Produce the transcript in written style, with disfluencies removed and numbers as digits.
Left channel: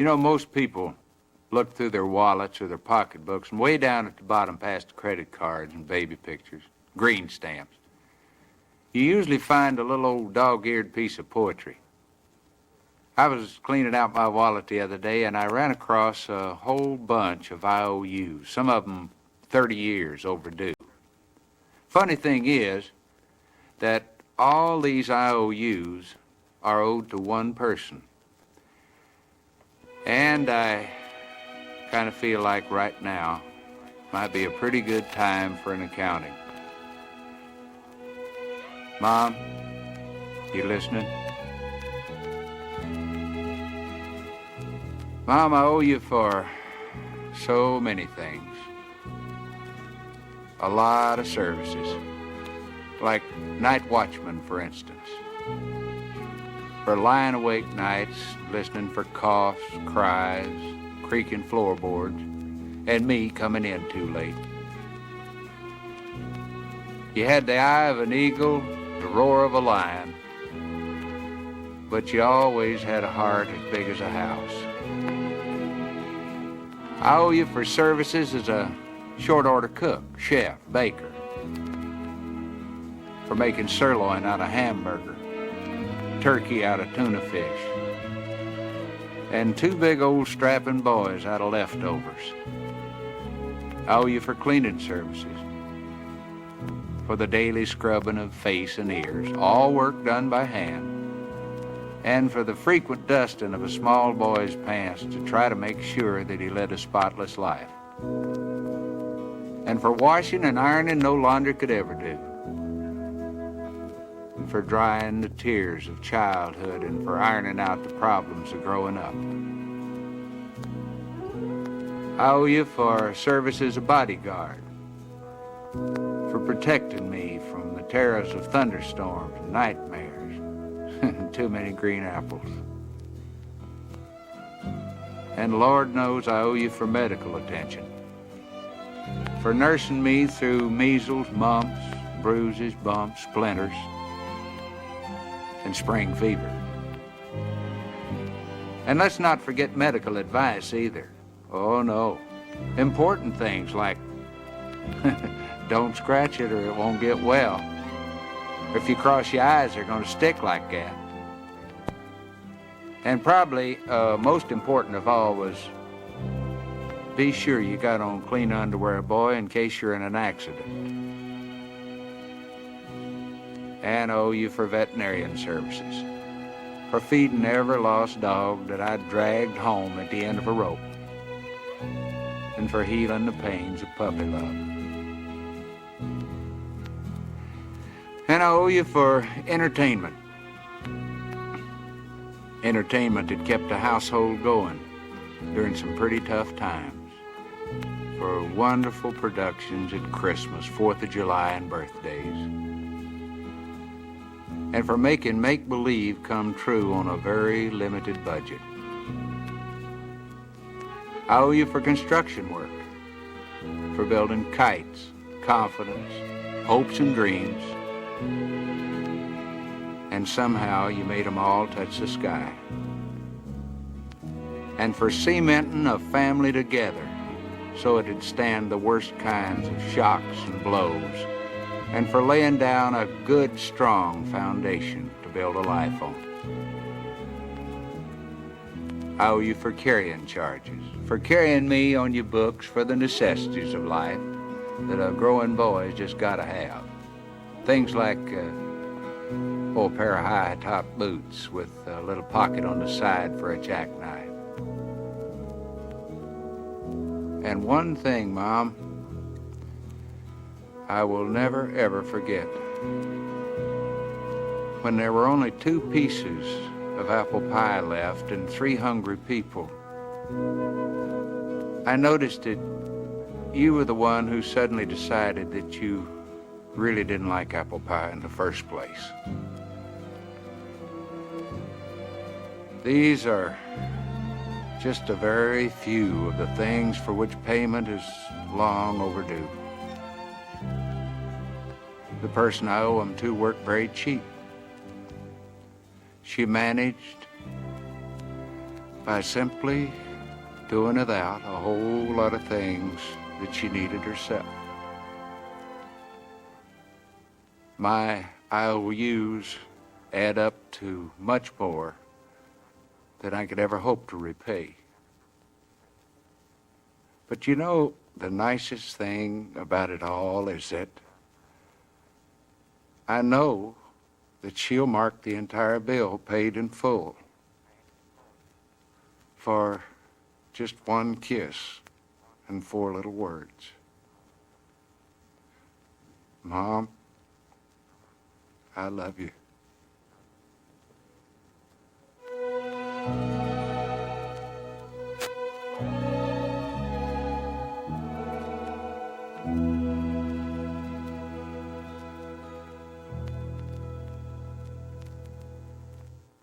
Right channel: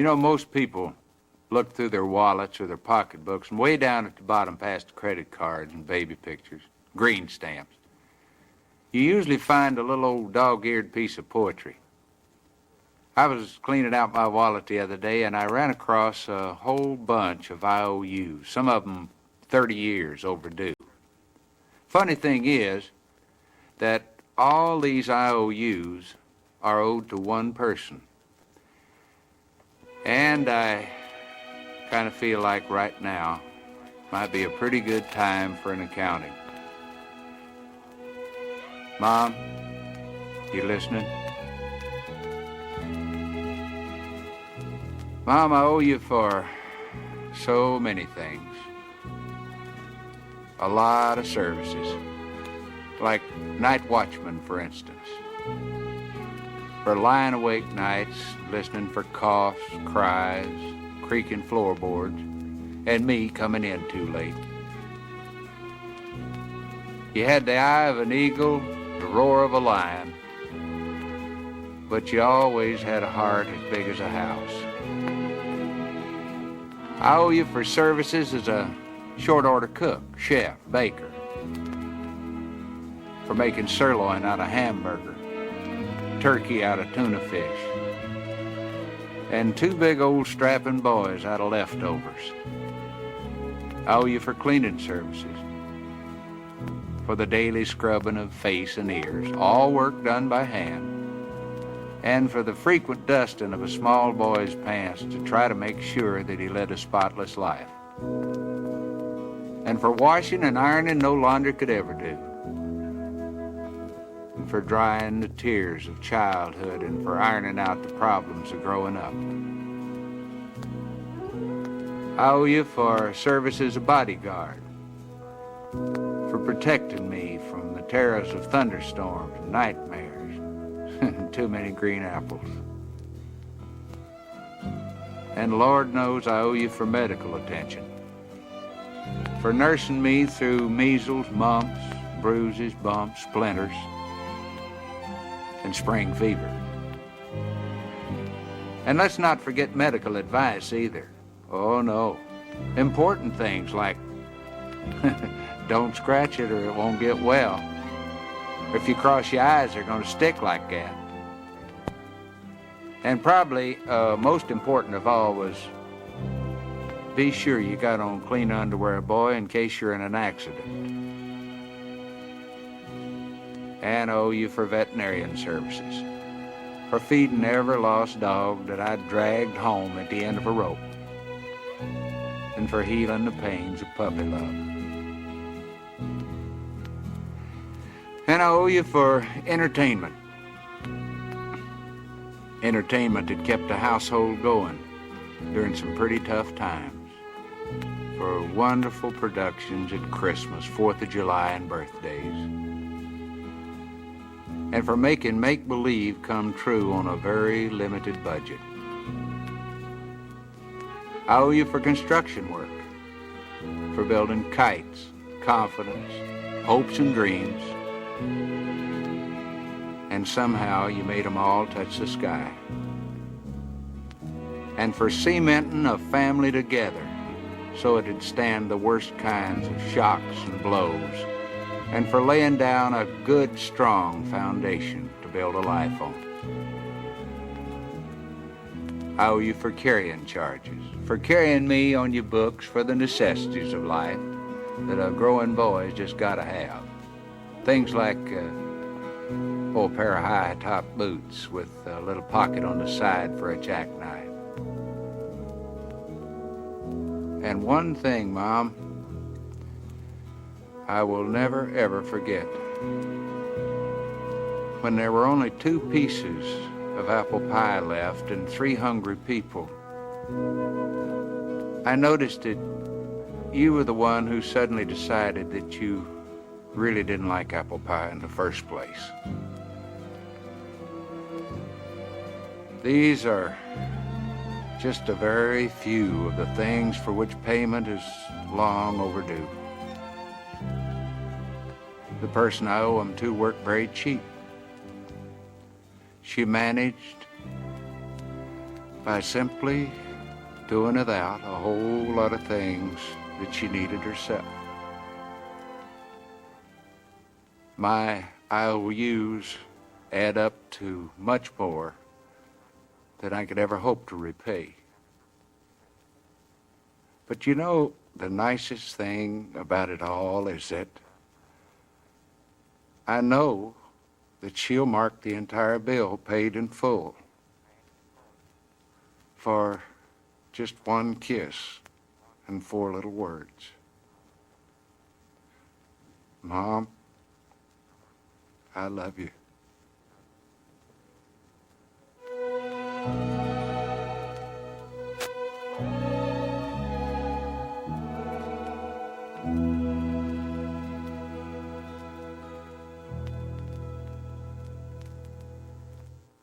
You know, most people look through their wallets or their pocketbooks, and way down at the bottom past the credit cards and baby pictures, green stamps, you usually find a little old dog-eared piece of poetry. I was cleaning out my wallet the other day, and I ran across a whole bunch of IOUs, some of them 30 years overdue. Funny thing is that all these IOUs are owed to one person. And I kind of feel like right now might be a pretty good time for an accounting. Mom, you listening? Mom, I owe you for so many things. A lot of services. Like night watchman, for instance. For lying awake nights, listening for coughs, cries, creaking floorboards, and me coming in too late. You had the eye of an eagle, the roar of a lion, but you always had a heart as big as a house. I owe you for services as a short-order cook, chef, baker, for making sirloin out of hamburger, turkey out of tuna fish, and two big old strapping boys out of leftovers. I owe you for cleaning services, for the daily scrubbing of face and ears, all work done by hand, and for the frequent dusting of a small boy's pants to try to make sure that he led a spotless life, and for washing and ironing no laundry could ever do, and for drying the tears of childhood, and for ironing out the problems of growing up. I owe you for service as a bodyguard, for protecting me from the terrors of thunderstorms and nightmares and too many green apples. And Lord knows I owe you for medical attention, for nursing me through measles, mumps, bruises, bumps, splinters, and spring fever. And let's not forget medical advice either. Oh no, important things like don't scratch it or it won't get well. If you cross your eyes, they're going to stick like that. And probably most important of all was be sure you got on clean underwear, boy, in case you're in an accident. And owe you for veterinarian services, for feeding every lost dog that I dragged home at the end of a rope, and for healing the pains of puppy love. And I owe you for entertainment. Entertainment that kept the household going during some pretty tough times. For wonderful productions at Christmas, 4th of July, and birthdays. And for making make-believe come true on a very limited budget. I owe you for construction work, for building kites, confidence, hopes and dreams, and somehow you made them all touch the sky. And for cementing a family together so it'd stand the worst kinds of shocks and blows, and for laying down a good, strong foundation to build a life on. I owe you for carrying charges, for carrying me on your books for the necessities of life that a growing boy's just gotta have. Things like a pair of high-top boots with a little pocket on the side for a jackknife. And one thing, Mom, I will never, ever forget. When there were only 2 pieces of apple pie left and 3 hungry people, I noticed that you were the one who suddenly decided that you really didn't like apple pie in the first place. These are just a very few of the things for which payment is long overdue. The person I owe them to worked very cheap. She managed by simply doing without a whole lot of things that she needed herself. My IOUs add up to much more than I could ever hope to repay. But you know, the nicest thing about it all is that I know that she'll mark the entire bill paid in full for just one kiss and 4 little words. Mom, I love you.